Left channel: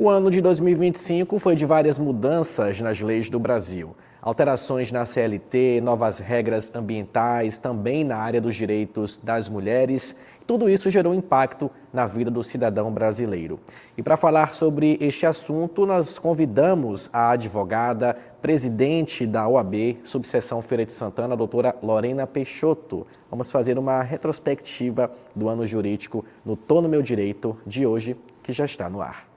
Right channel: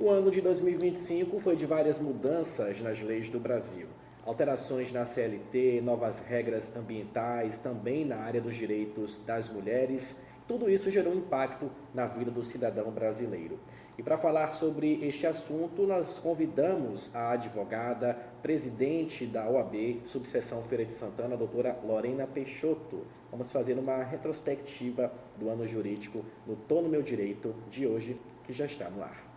O ano de 2025 foi de várias mudanças nas leis do Brasil. Alterações na CLT, novas regras ambientais, também na área dos direitos das mulheres. Tudo isso gerou impacto na vida do cidadão brasileiro. E para falar sobre este assunto, nós convidamos a advogada, presidente da OAB, subseção Feira de Santana, a doutora Lorena Peixoto. Vamos fazer uma retrospectiva do ano jurídico no Tô no Meu Direito de hoje, que já está no ar.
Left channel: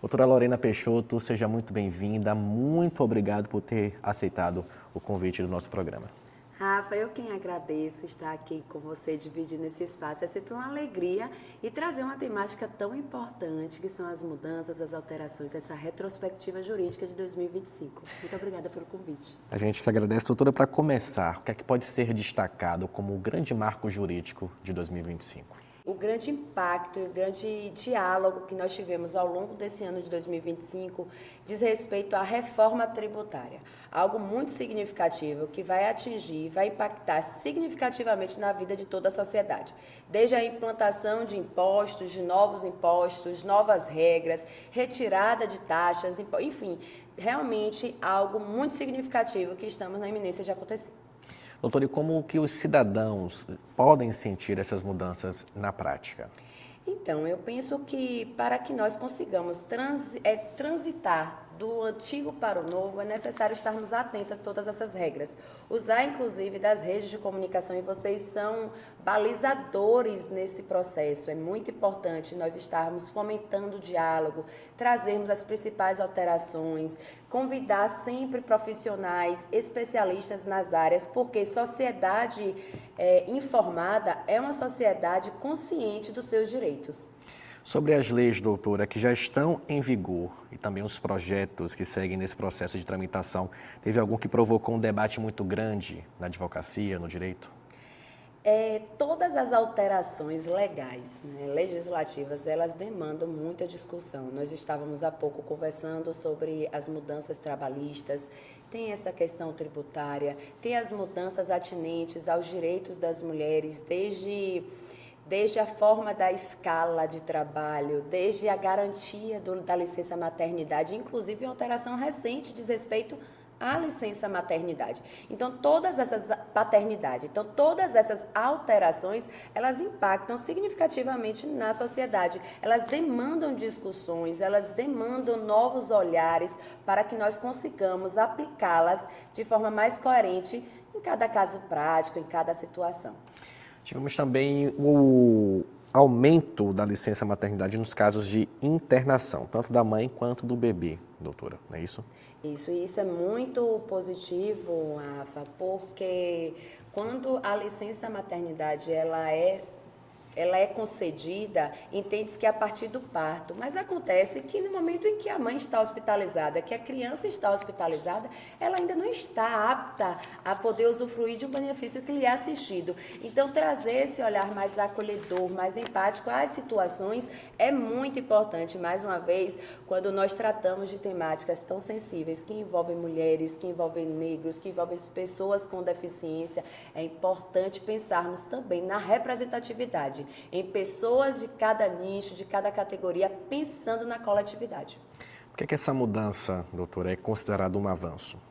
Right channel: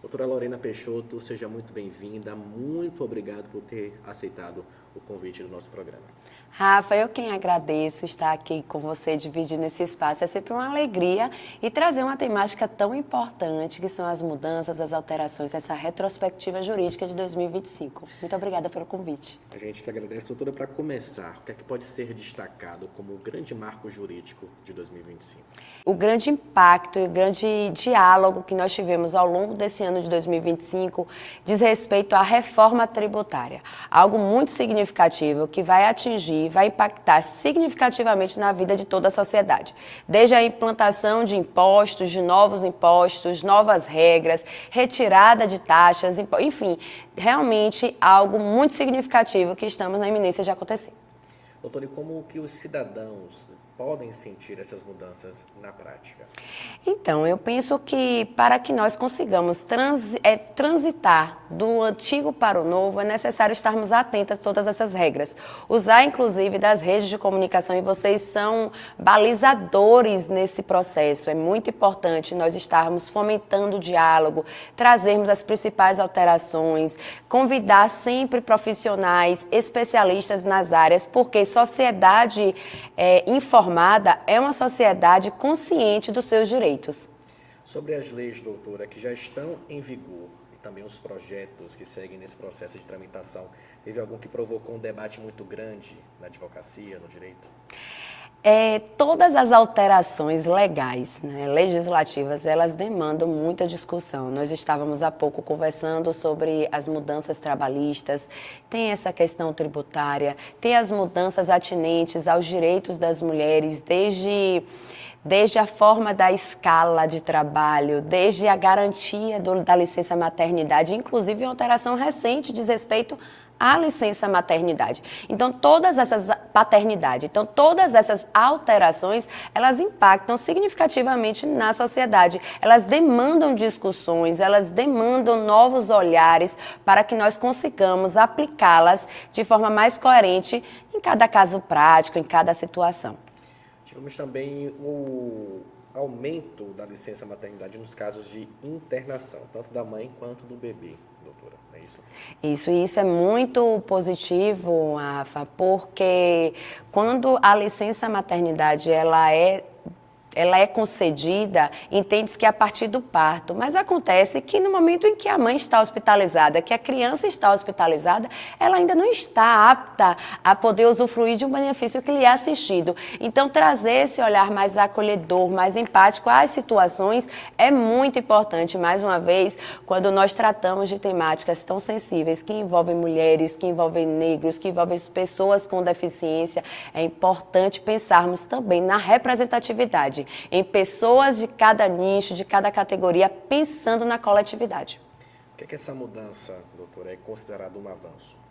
Doutora Lorena Peixoto, seja muito bem-vinda. Muito obrigado por ter aceitado o convite do nosso programa. Rafa, eu quem agradeço estar aqui com você, dividindo esse espaço. É sempre uma alegria e trazer uma temática tão importante, que são as mudanças, as alterações, essa retrospectiva jurídica de 2025. Muito obrigada pelo convite. A gente que agradece, doutora. Para começar, o que é que pode ser destacado como o grande marco jurídico de 2025? O grande impacto e o grande diálogo que nós tivemos ao longo desse ano de 2025 diz respeito à reforma tributária. Algo muito significativo que vai atingir, vai impactar significativamente na vida de toda a sociedade. Desde a implantação de impostos, de novos impostos, novas regras, retirada de taxas, enfim, realmente algo muito significativo que estamos na iminência de acontecer. Doutora, e como que os cidadãos podem sentir essas mudanças na prática? Então, eu penso que para que nós consigamos transitar do antigo para o novo, é necessário estarmos atentos a todas essas regras. Usar, inclusive, das redes de comunicação, e vocês são balizadores nesse processo. É muito importante nós estarmos fomentando o diálogo, trazermos as principais alterações, convidar sempre profissionais, especialistas nas áreas, porque sociedade informada é uma sociedade consciente dos seus direitos. Sobre as leis, doutora, que já estão em vigor e também os projetos que seguem nesse processo de tramitação, teve algum que provocou um debate muito grande na advocacia, no direito? Todas as alterações legais, né, legislativas, elas demandam muita discussão. Nós estávamos há pouco conversando sobre as mudanças trabalhistas, tem essa questão tributária, tem as mudanças atinentes aos direitos das mulheres, desde a forma da escala de trabalho, desde a garantia da licença maternidade, inclusive uma alteração recente diz respeito à licença maternidade. Então, todas essas alterações, elas impactam significativamente na sociedade. Elas demandam discussões, elas demandam novos olhares para que nós consigamos aplicá-las de forma mais coerente em cada caso prático, em cada situação. Tivemos também o aumento da licença maternidade nos casos de internação, tanto da mãe quanto do bebê, doutora, não é isso? Isso é muito positivo, Rafa, porque quando a licença maternidade ela é concedida, entende-se que é a partir do parto, mas acontece que no momento em que a mãe está hospitalizada, que a criança está hospitalizada, ela ainda não está apta a poder usufruir de um benefício que lhe é assistido. Então, trazer esse olhar mais acolhedor, mais empático às situações é muito importante, mais uma vez, quando nós tratamos de temáticas tão sensíveis, que envolvem mulheres, que envolvem negros, que envolvem pessoas com deficiência, é importante pensarmos também na representatividade, em pessoas de cada nicho, de cada categoria, pensando na coletividade. Por que essa mudança, doutora, é considerada um avanço?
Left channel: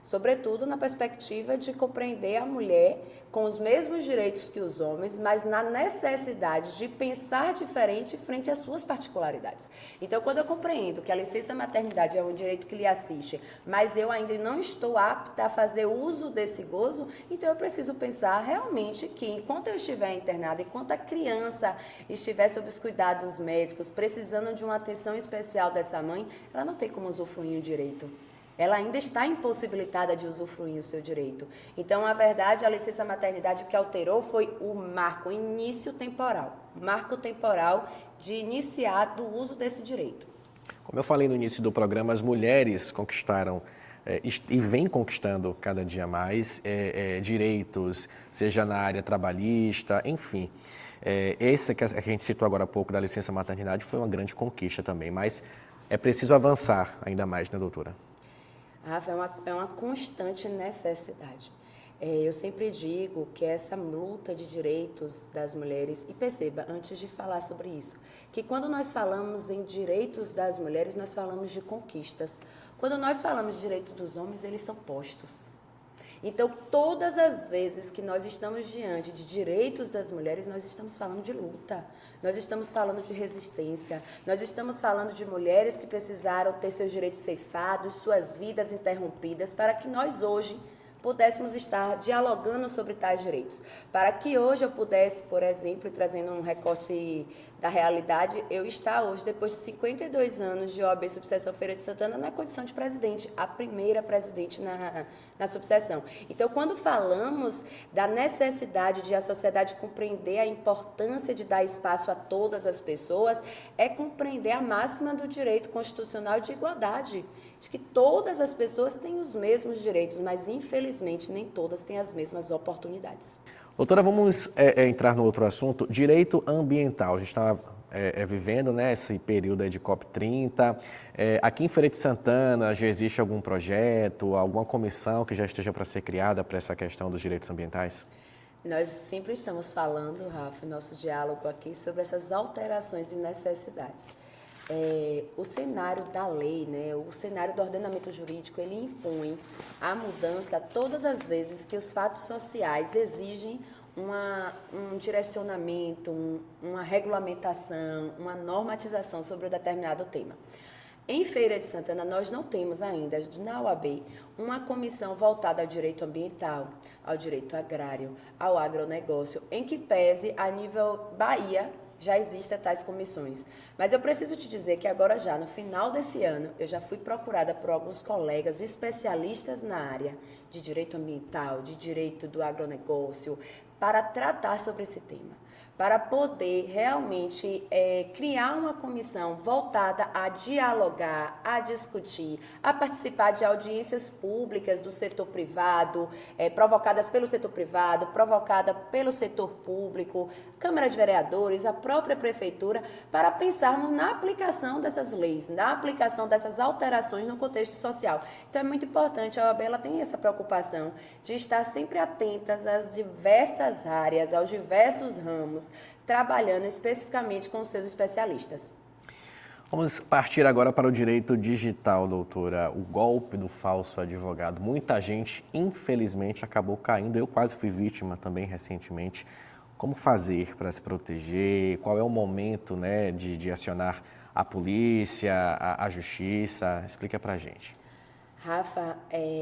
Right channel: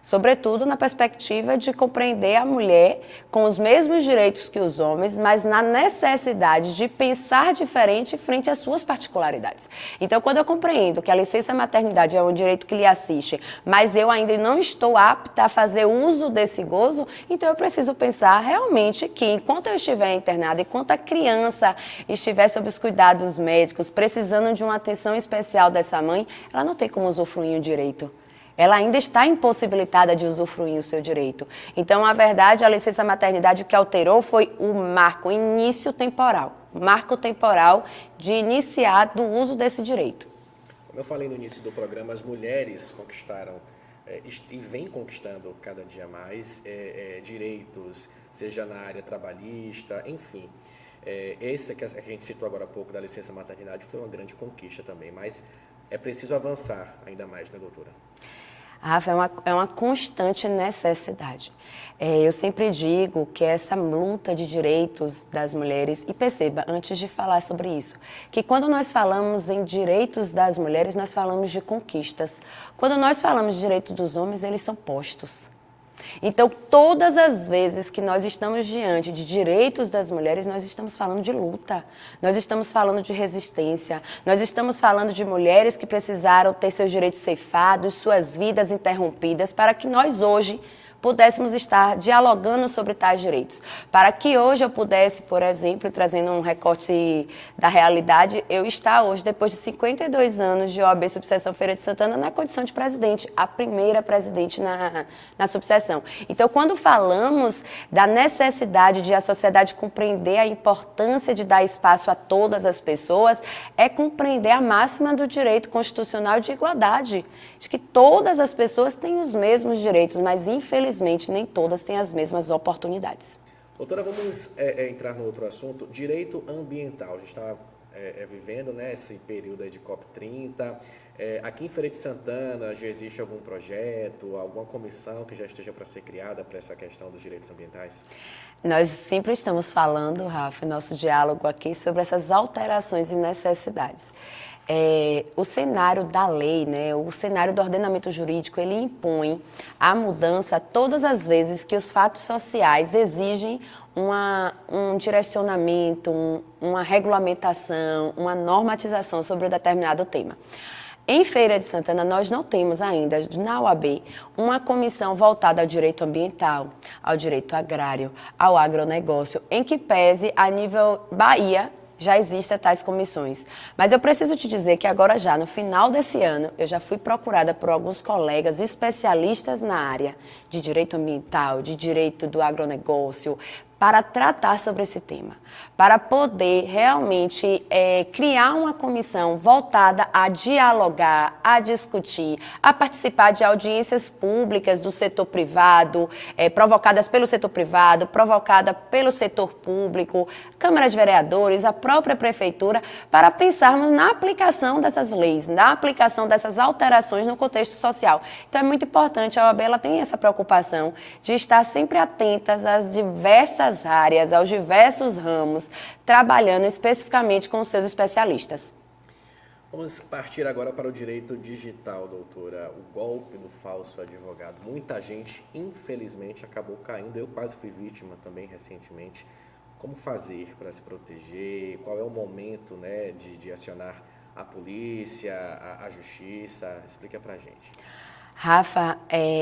Sobretudo na perspectiva de compreender a mulher com os mesmos direitos que os homens, mas na necessidade de pensar diferente frente às suas particularidades. Então, quando eu compreendo que a licença maternidade é um direito que lhe assiste, mas eu ainda não estou apta a fazer uso desse gozo, então eu preciso pensar realmente que enquanto eu estiver internada, enquanto a criança estiver sob os cuidados médicos, precisando de uma atenção especial dessa mãe, ela não tem como usufruir o direito. Ela ainda está impossibilitada de usufruir o seu direito. Então, na verdade, a licença maternidade o que alterou foi o marco, o início temporal. Marco temporal de iniciar do uso desse direito. Como eu falei no início do programa, as mulheres conquistaram e vêm conquistando cada dia mais direitos, seja na área trabalhista, enfim. Esse que a gente citou agora há pouco da licença maternidade foi uma grande conquista também, mas é preciso avançar ainda mais, né, doutora? Rafa, é uma constante necessidade. Eu sempre digo que essa luta de direitos das mulheres, e perceba, antes de falar sobre isso, que quando nós falamos em direitos das mulheres, nós falamos de conquistas. Quando nós falamos de direitos dos homens, eles são postos. Então, todas as vezes que nós estamos diante de direitos das mulheres, nós estamos falando de luta, nós estamos falando de resistência, nós estamos falando de mulheres que precisaram ter seus direitos ceifados, suas vidas interrompidas, para que nós hoje pudéssemos estar dialogando sobre tais direitos. Para que hoje eu pudesse, por exemplo, trazendo um recorte da realidade, eu estar hoje, depois de 52 anos de OAB Subseção Feira de Santana, na condição de presidente, a primeira presidente na subseção. Então, quando falamos da necessidade de a sociedade compreender a importância de dar espaço a todas as pessoas, é compreender a máxima do direito constitucional de igualdade, de que todas as pessoas têm os mesmos direitos, mas infelizmente nem todas têm as mesmas oportunidades. Doutora, vamos entrar no outro assunto, direito ambiental. A gente está vivendo, né, esse período aí de COP30. Aqui em Feira de Santana já existe algum projeto, alguma comissão que já esteja para ser criada para essa questão dos direitos ambientais? Nós sempre estamos falando, Rafa, em nosso diálogo aqui, sobre essas alterações e necessidades. O cenário da lei, né, o cenário do ordenamento jurídico, ele impõe a mudança todas as vezes que os fatos sociais exigem um direcionamento, uma regulamentação, uma normatização sobre um determinado tema. Em Feira de Santana, nós não temos ainda, na OAB, uma comissão voltada ao direito ambiental, ao direito agrário, ao agronegócio, em que pese a nível Bahia, já existem tais comissões. Mas eu preciso te dizer que agora já, no final desse ano, eu já fui procurada por alguns colegas especialistas na área de direito ambiental, de direito do agronegócio, para tratar sobre esse tema, para poder realmente criar uma comissão voltada a dialogar, a discutir, a participar de audiências públicas do setor privado, provocadas pelo setor privado, provocada pelo setor público, Câmara de Vereadores, a própria Prefeitura, para pensarmos na aplicação dessas leis, na aplicação dessas alterações no contexto social. Então é muito importante, a OAB ela tem essa preocupação de estar sempre atentas às diversas áreas, aos diversos ramos, trabalhando especificamente com os seus especialistas. Vamos partir agora para o direito digital, doutora. O golpe do falso advogado. Muita gente, infelizmente, acabou caindo. Eu quase fui vítima também recentemente. Como fazer para se proteger? Qual é o momento, né, de acionar a polícia, a justiça? Explica para a gente. Rafa,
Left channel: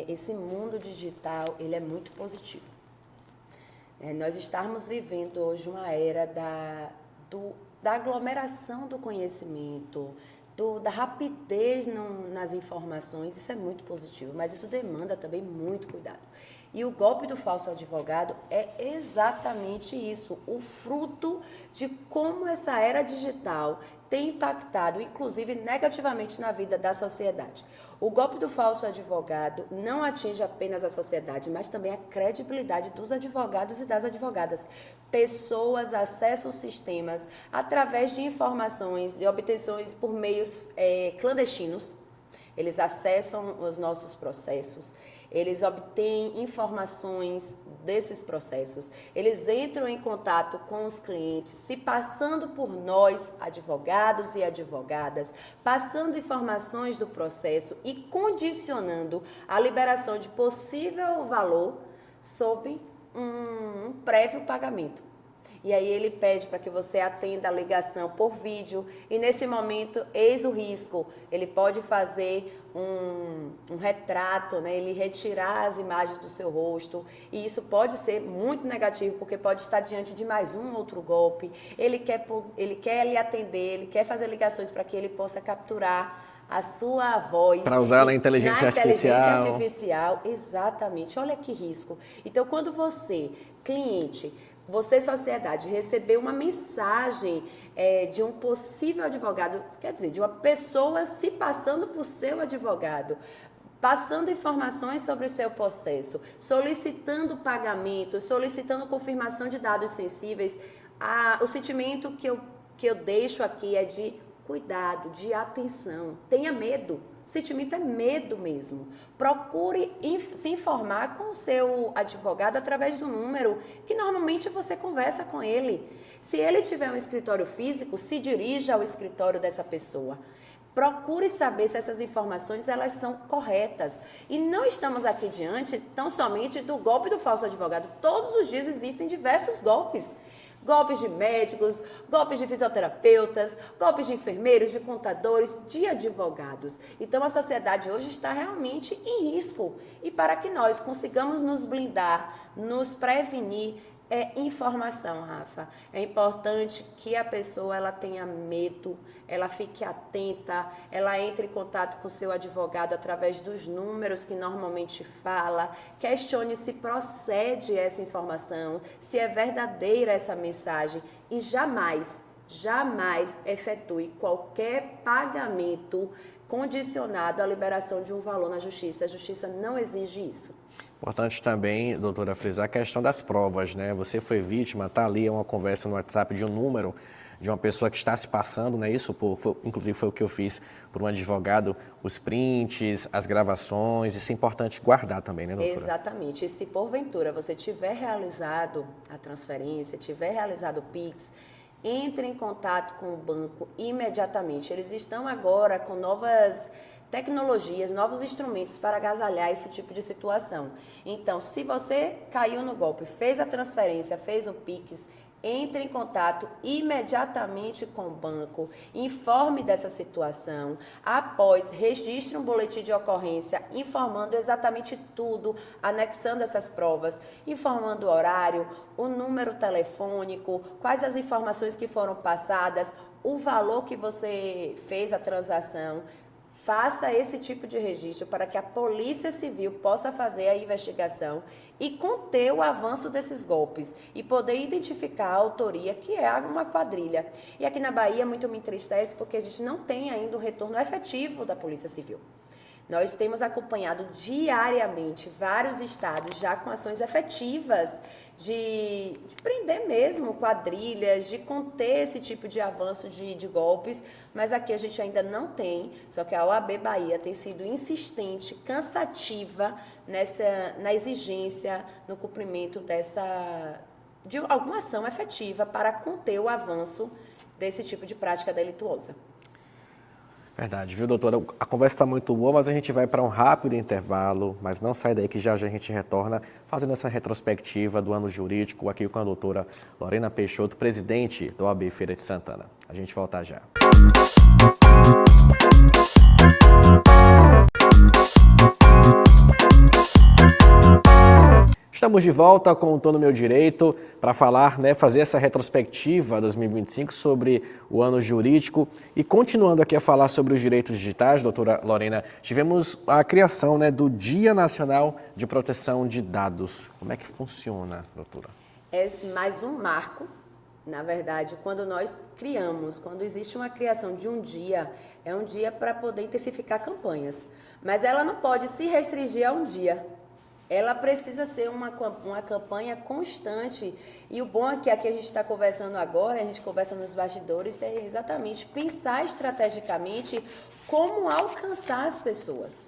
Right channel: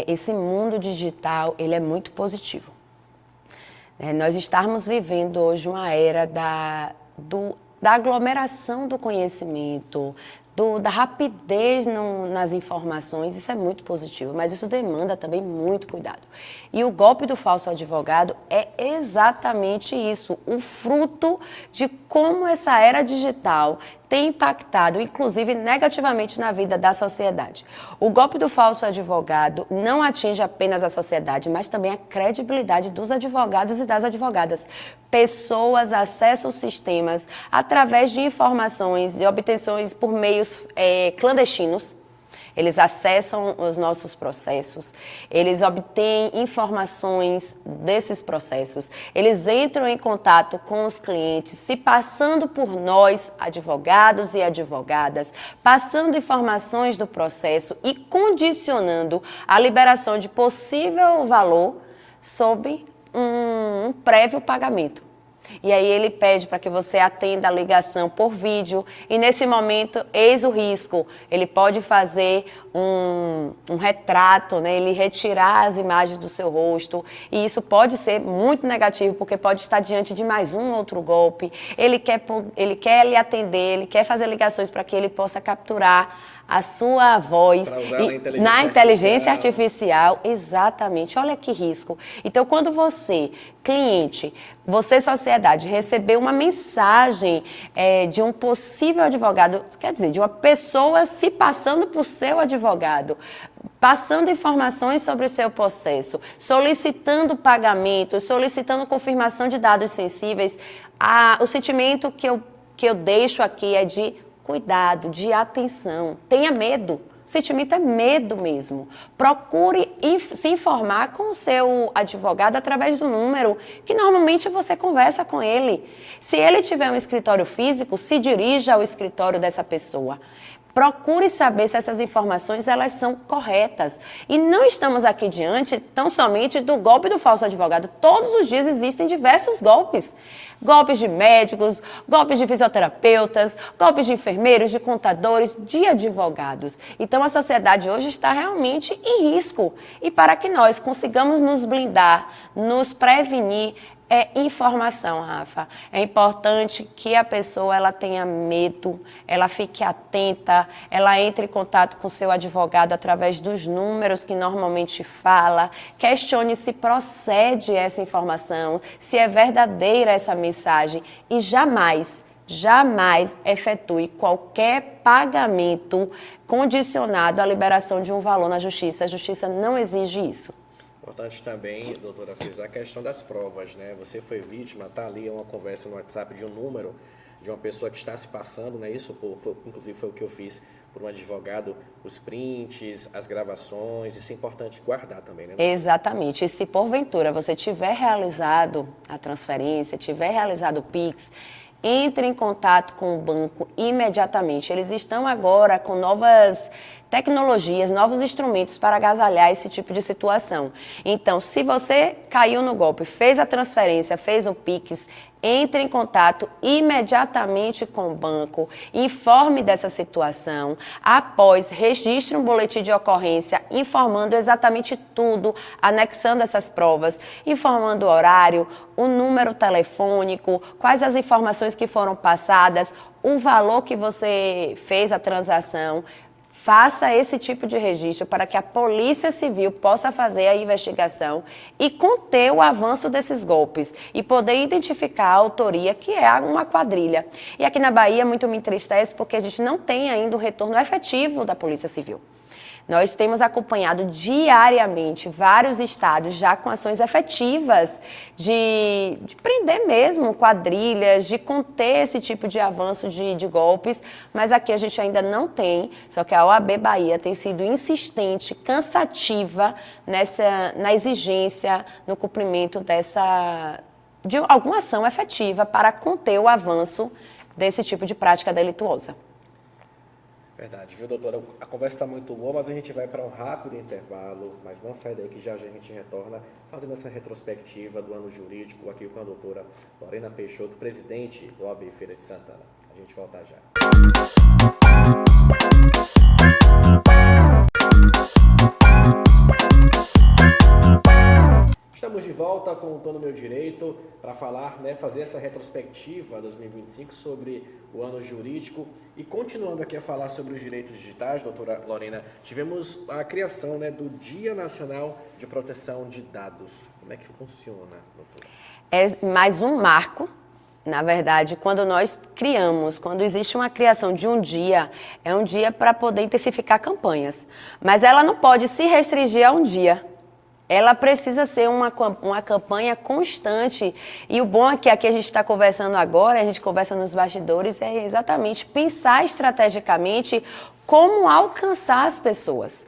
esse mundo digital ele é muito positivo. Nós estamos vivendo hoje uma era da aglomeração do conhecimento, da rapidez nas informações, isso é muito positivo, mas isso demanda também muito cuidado. E o golpe do falso advogado é exatamente isso, o fruto de como essa era digital tem impactado, inclusive, negativamente na vida da sociedade. O golpe do falso advogado não atinge apenas a sociedade, mas também a credibilidade dos advogados e das advogadas. Pessoas acessam sistemas através de informações, de obtenções por meios clandestinos. Eles acessam os nossos processos, eles obtêm informações desses processos, eles entram em contato com os clientes, se passando por nós, advogados e advogadas, passando informações do processo e condicionando a liberação de possível valor sob um prévio pagamento. E aí ele pede para que você atenda a ligação por vídeo e nesse momento, eis o risco, ele pode fazer um retrato, né? Ele retirar as imagens do seu rosto e isso pode ser muito negativo porque pode estar diante de mais um outro golpe. Ele quer lhe atender, ele quer fazer ligações para que ele possa capturar a sua voz para usar na inteligência artificial, exatamente. Olha que risco. Então, quando você, cliente, você, sociedade, receber uma mensagem de um possível advogado, quer dizer, de uma pessoa se passando por seu advogado, passando informações sobre o seu processo, solicitando pagamento, solicitando confirmação de dados sensíveis, o sentimento que eu deixo aqui é de cuidado, de atenção. Tenha medo. O sentimento é medo mesmo. Procure se informar com o seu advogado através do número que normalmente você conversa com ele. Se ele tiver um escritório físico, se dirija ao escritório dessa pessoa. Procure saber se essas informações elas são corretas. E não estamos aqui diante tão somente do golpe do falso advogado. Todos os dias existem diversos golpes. Golpes de médicos, golpes de fisioterapeutas, golpes de enfermeiros, de contadores, de advogados. Então a sociedade hoje está realmente em risco. E para que nós consigamos nos blindar, nos prevenir, é informação, Rafa. É importante que a pessoa ela tenha medo, ela fique atenta, ela entre em contato com o seu advogado através dos números que normalmente fala, questione se procede essa informação, se é verdadeira essa mensagem e jamais efetue qualquer pagamento condicionado à liberação de um valor na justiça. A justiça não exige isso. Importante também, doutora, frisar a questão das provas, né? Você foi vítima, está ali uma conversa no WhatsApp de um número de uma pessoa que está se passando, né? Isso, inclusive, foi o que eu fiz por um advogado, os prints, as gravações, isso é importante guardar também, né, doutora? Exatamente. E se porventura você tiver realizado a transferência, tiver realizado o Pix, entre em contato com o banco imediatamente. Eles estão agora com novas tecnologias, novos instrumentos para agasalhar esse tipo de situação. Então, se você caiu no golpe, fez a transferência, fez o Pix, entre em contato imediatamente com o banco, informe dessa situação, após registre um boletim de ocorrência informando exatamente tudo, anexando essas provas, informando o horário, o número telefônico, quais as informações que foram passadas, o valor que você fez a transação. Faça esse tipo de registro para que a Polícia Civil possa fazer a investigação e conter o avanço desses golpes e poder identificar a autoria, que é uma quadrilha. E aqui na Bahia muito me entristece porque a gente não tem ainda um retorno efetivo da Polícia Civil. Nós temos acompanhado diariamente vários estados já com ações efetivas de prender mesmo quadrilhas, de conter esse tipo de avanço de golpes, mas aqui a gente ainda não tem, só que a OAB Bahia tem sido insistente, cansativa na exigência, no cumprimento de alguma ação efetiva para conter o avanço desse tipo de prática delituosa. Verdade, viu, doutora? A conversa está muito boa, mas a gente vai para um rápido intervalo, mas não sai daí que já a gente retorna fazendo essa retrospectiva do ano jurídico aqui com a doutora Lorena Peixoto, presidente da OAB Feira de Santana. A gente volta já. Estamos de volta com o Tô no Meu Direito para falar, fazer essa retrospectiva 2025 sobre o ano jurídico. E continuando aqui a falar sobre os direitos digitais, doutora Lorena, tivemos a criação do Dia Nacional de Proteção de Dados. Como é que funciona, doutora? É mais um marco. Na verdade, quando existe uma criação de um dia, é um dia para poder intensificar campanhas. Mas ela não pode se restringir a um dia. Ela precisa ser uma campanha constante. E o bom é que aqui a gente está conversando agora, a gente conversa nos bastidores, é exatamente pensar estrategicamente como alcançar as pessoas.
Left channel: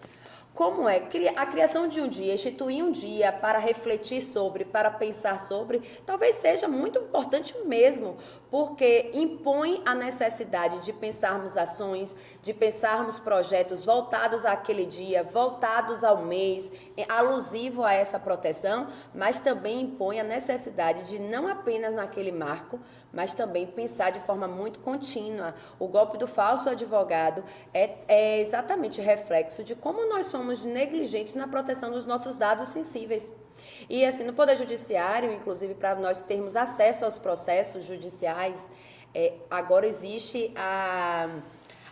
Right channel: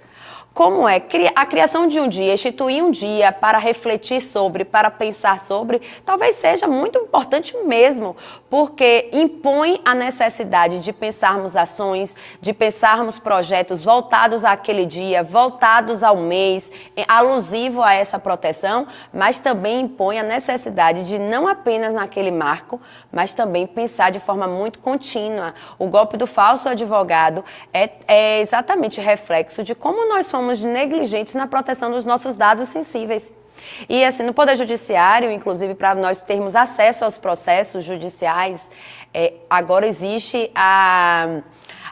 Como é a criação de um dia, instituir um dia para refletir sobre, para pensar sobre, talvez seja muito importante mesmo, porque impõe a necessidade de pensarmos ações, de pensarmos projetos voltados àquele dia, voltados ao mês, alusivo a essa proteção, mas também impõe a necessidade de não apenas naquele marco, mas também pensar de forma muito contínua. O golpe do falso advogado é exatamente reflexo de como nós fomos negligentes na proteção dos nossos dados sensíveis. E assim, no Poder Judiciário, inclusive para nós termos acesso aos processos judiciais, agora existe a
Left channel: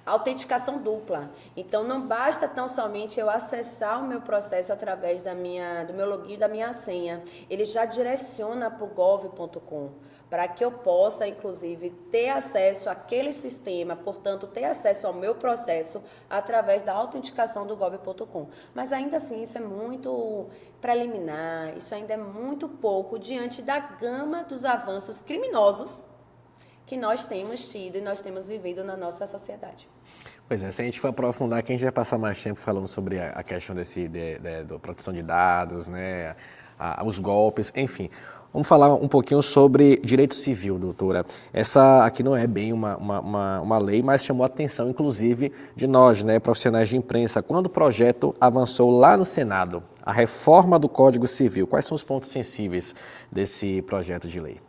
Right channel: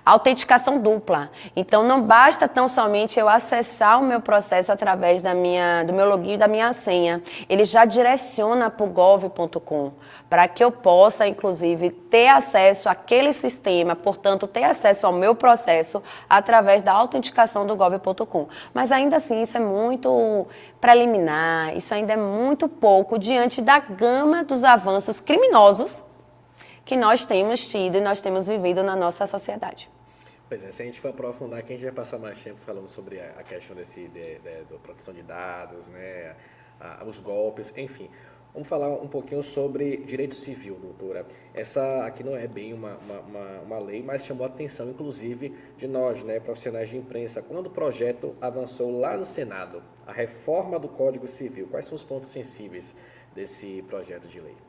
autenticação dupla. Então, não basta tão somente eu acessar o meu processo através do meu login e da minha senha. Ele já direciona para o gov.com, para que eu possa, inclusive, ter acesso àquele sistema, portanto, ter acesso ao meu processo através da autenticação do gov.com. Mas, ainda assim, isso é muito preliminar, isso ainda é muito pouco diante da gama dos avanços criminosos que nós temos tido e nós temos vivido na nossa sociedade. Pois é, se a gente for aprofundar aqui, a gente vai passar mais tempo falando sobre a questão da proteção de dados, né, os golpes, enfim. Vamos falar um pouquinho sobre direito civil, doutora. Essa aqui não é bem uma lei, mas chamou a atenção, inclusive, de nós, né, profissionais de imprensa, quando o projeto avançou lá no Senado, a reforma do Código Civil. Quais são os pontos sensíveis desse projeto de lei?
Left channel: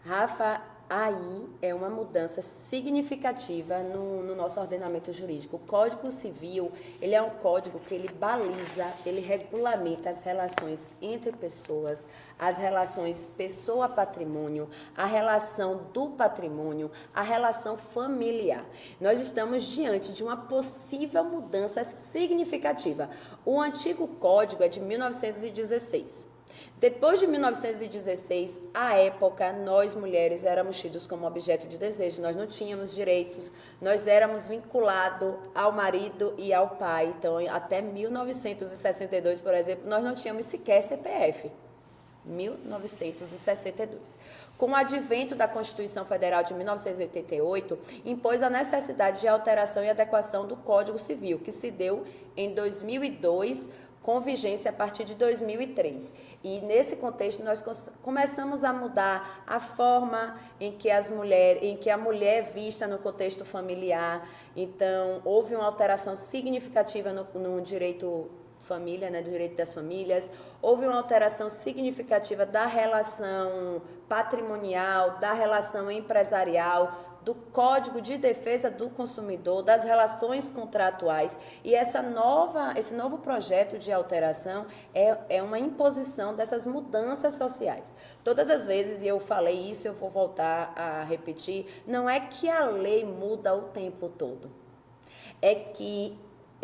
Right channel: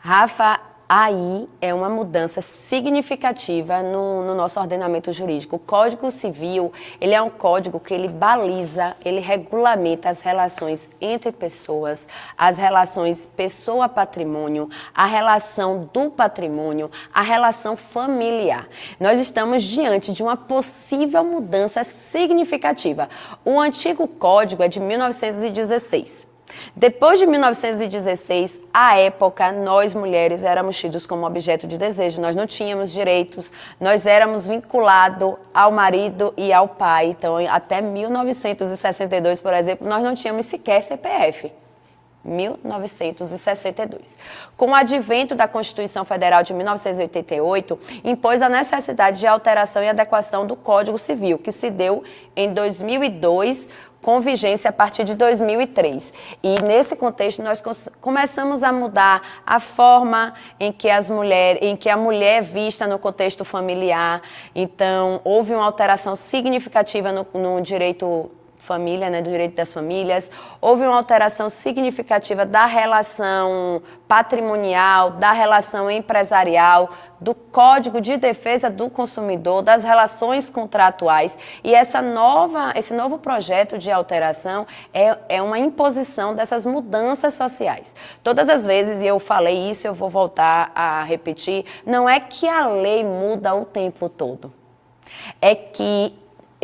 Rafa, aí é uma mudança significativa no nosso ordenamento jurídico. O Código Civil, ele é um código que ele baliza, ele regulamenta as relações entre pessoas, as relações pessoa-patrimônio, a relação do patrimônio, a relação familiar. Nós estamos diante de uma possível mudança significativa. O antigo código é de 1916. Depois de 1916, à época, nós mulheres éramos tidos como objeto de desejo, nós não tínhamos direitos, nós éramos vinculados ao marido e ao pai. Então, até 1962, por exemplo, nós não tínhamos sequer CPF. 1962. Com o advento da Constituição Federal de 1988, impôs a necessidade de alteração e adequação do Código Civil, que se deu em 2002, com vigência a partir de 2003. E nesse contexto nós começamos a mudar a forma em que a mulher é vista no contexto familiar. Então, houve uma alteração significativa no direito família, né, do direito das famílias. Houve uma alteração significativa da relação patrimonial, da relação empresarial, do Código de Defesa do Consumidor, das relações contratuais. E esse novo projeto de alteração é uma imposição dessas mudanças sociais. Todas as vezes, e eu falei isso, eu vou voltar a repetir, não é que a lei muda o tempo todo. É que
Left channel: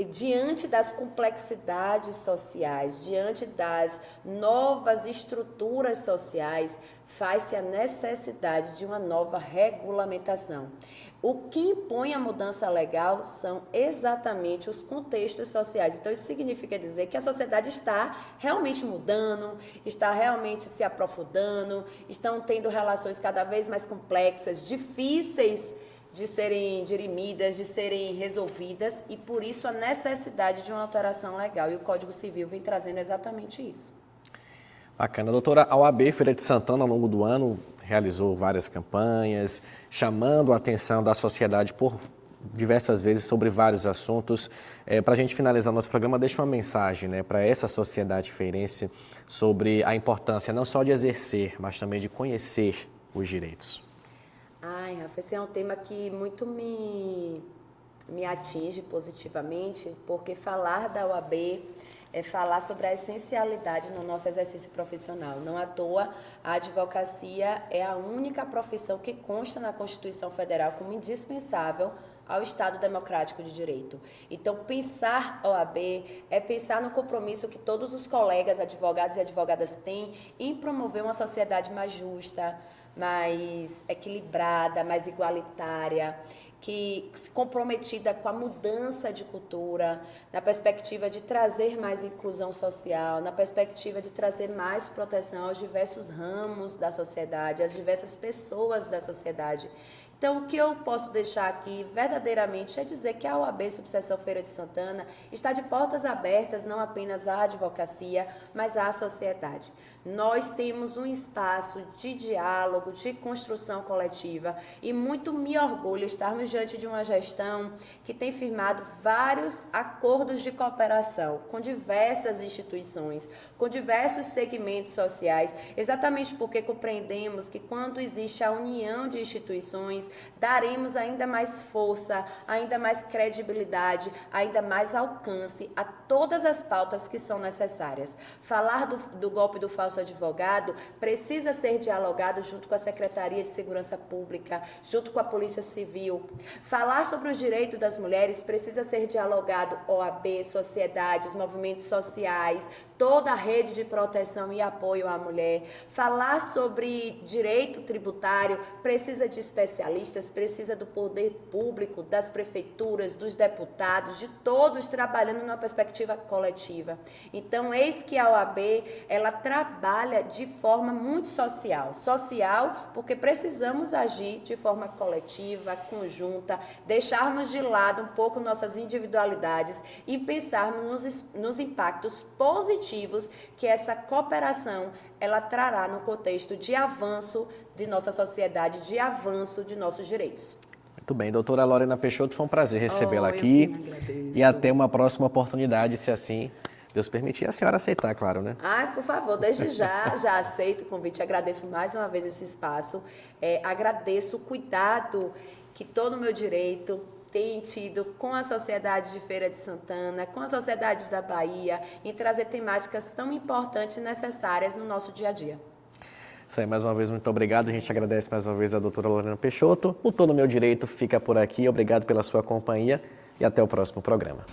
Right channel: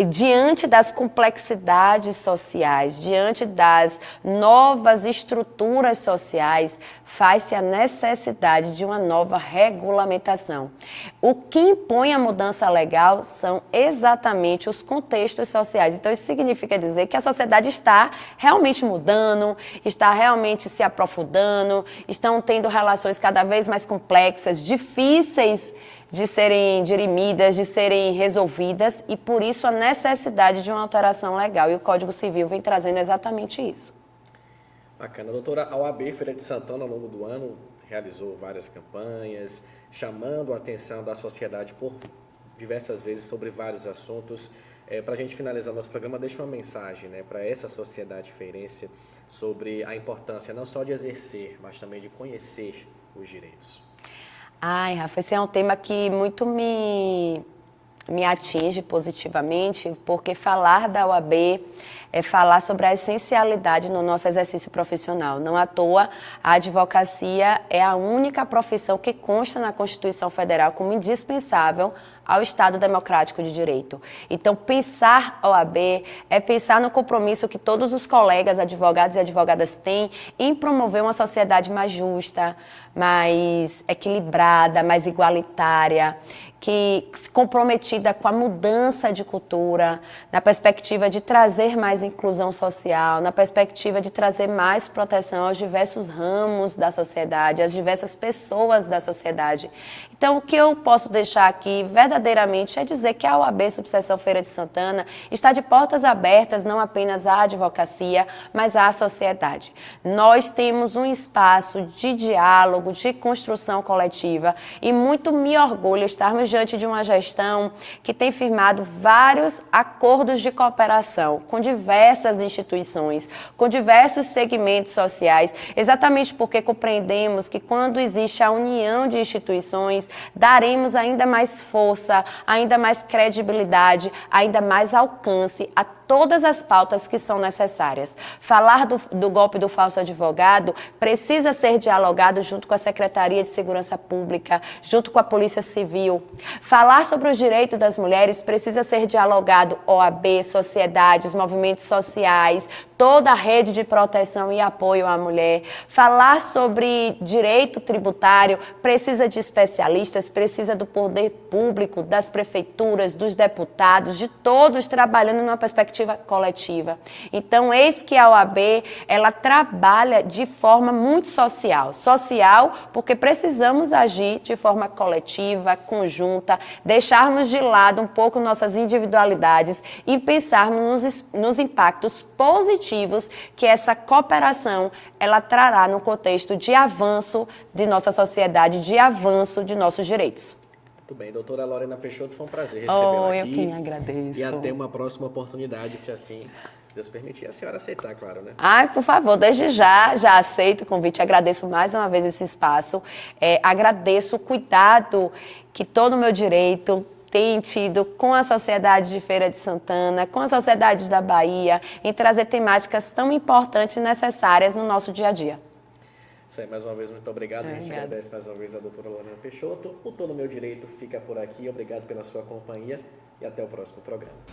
diante das complexidades sociais, diante das novas estruturas sociais, faz-se a necessidade de uma nova regulamentação. O que impõe a mudança legal são exatamente os contextos sociais. Então, isso significa dizer que a sociedade está realmente mudando, está realmente se aprofundando, estão tendo relações cada vez mais complexas, difíceis de serem dirimidas, de serem resolvidas, e por isso a necessidade de uma alteração legal. E o Código Civil vem trazendo exatamente isso. Bacana. Doutora, a OAB Feira de Santana, ao longo do ano, realizou várias campanhas, chamando a atenção da sociedade por diversas vezes sobre vários assuntos. Para a gente finalizar nosso programa, deixa uma mensagem, né, para essa sociedade feirense sobre a importância não só de exercer, mas também de conhecer os direitos. Ai, Rafa, esse é um tema que muito me atinge positivamente, porque falar da OAB é falar sobre a essencialidade no nosso exercício profissional. Não à toa, a advocacia é a única profissão que consta na Constituição Federal como indispensável ao Estado democrático de direito. Então, pensar OAB é pensar no compromisso que todos os colegas, advogados e advogadas têm em promover uma sociedade mais justa, mais equilibrada, mais igualitária, que comprometida com a mudança de cultura, na perspectiva de trazer mais inclusão social, na perspectiva de trazer mais proteção aos diversos ramos da sociedade, às diversas pessoas da sociedade. Então, o que eu posso deixar aqui verdadeiramente é dizer que a OAB Subseção Feira de Santana está de portas abertas não apenas à advocacia, mas à sociedade. Nós temos um espaço de diálogo, de construção coletiva, e muito me orgulho estarmos diante de uma gestão que tem firmado vários acordos de cooperação com diversas instituições, com diversos segmentos sociais, exatamente porque compreendemos que quando existe a união de instituições, daremos ainda mais força, ainda mais credibilidade, ainda mais alcance a todas as pautas que são necessárias. Falar do golpe do falso advogado precisa ser dialogado junto com a Secretaria de Segurança Pública, junto com a Polícia Civil. Falar sobre os direitos das mulheres precisa ser dialogado OAB, sociedades, movimentos sociais, toda a rede de proteção e apoio à mulher. Falar sobre direito tributário precisa de especialistas, precisa do poder público, das prefeituras, dos deputados, de todos trabalhando numa perspectiva coletiva. Então, eis que a OAB, ela trabalha de forma muito social. Social porque precisamos agir de forma coletiva, conjunta, deixarmos de lado um pouco nossas individualidades e pensarmos nos impactos positivos que essa cooperação ela trará no contexto de avanço de nossa sociedade, de avanço de nossos direitos. Muito bem, doutora Lorena Peixoto, foi um prazer recebê-la aqui. Eu quem agradeço. E até uma próxima oportunidade, se assim Deus permitir, a senhora aceitar, claro, né? Ai, por favor, desde já aceito o convite, agradeço mais uma vez esse espaço, agradeço o cuidado que todo o meu direito tem tido com a sociedade de Feira de Santana, com a sociedade da Bahia, em trazer temáticas tão importantes e necessárias no nosso dia a dia. Isso aí, mais uma vez, muito obrigado. A gente agradece mais uma vez a doutora Lorena Peixoto. O Tô no Meu Direito fica por aqui. Obrigado pela sua companhia e até o próximo programa.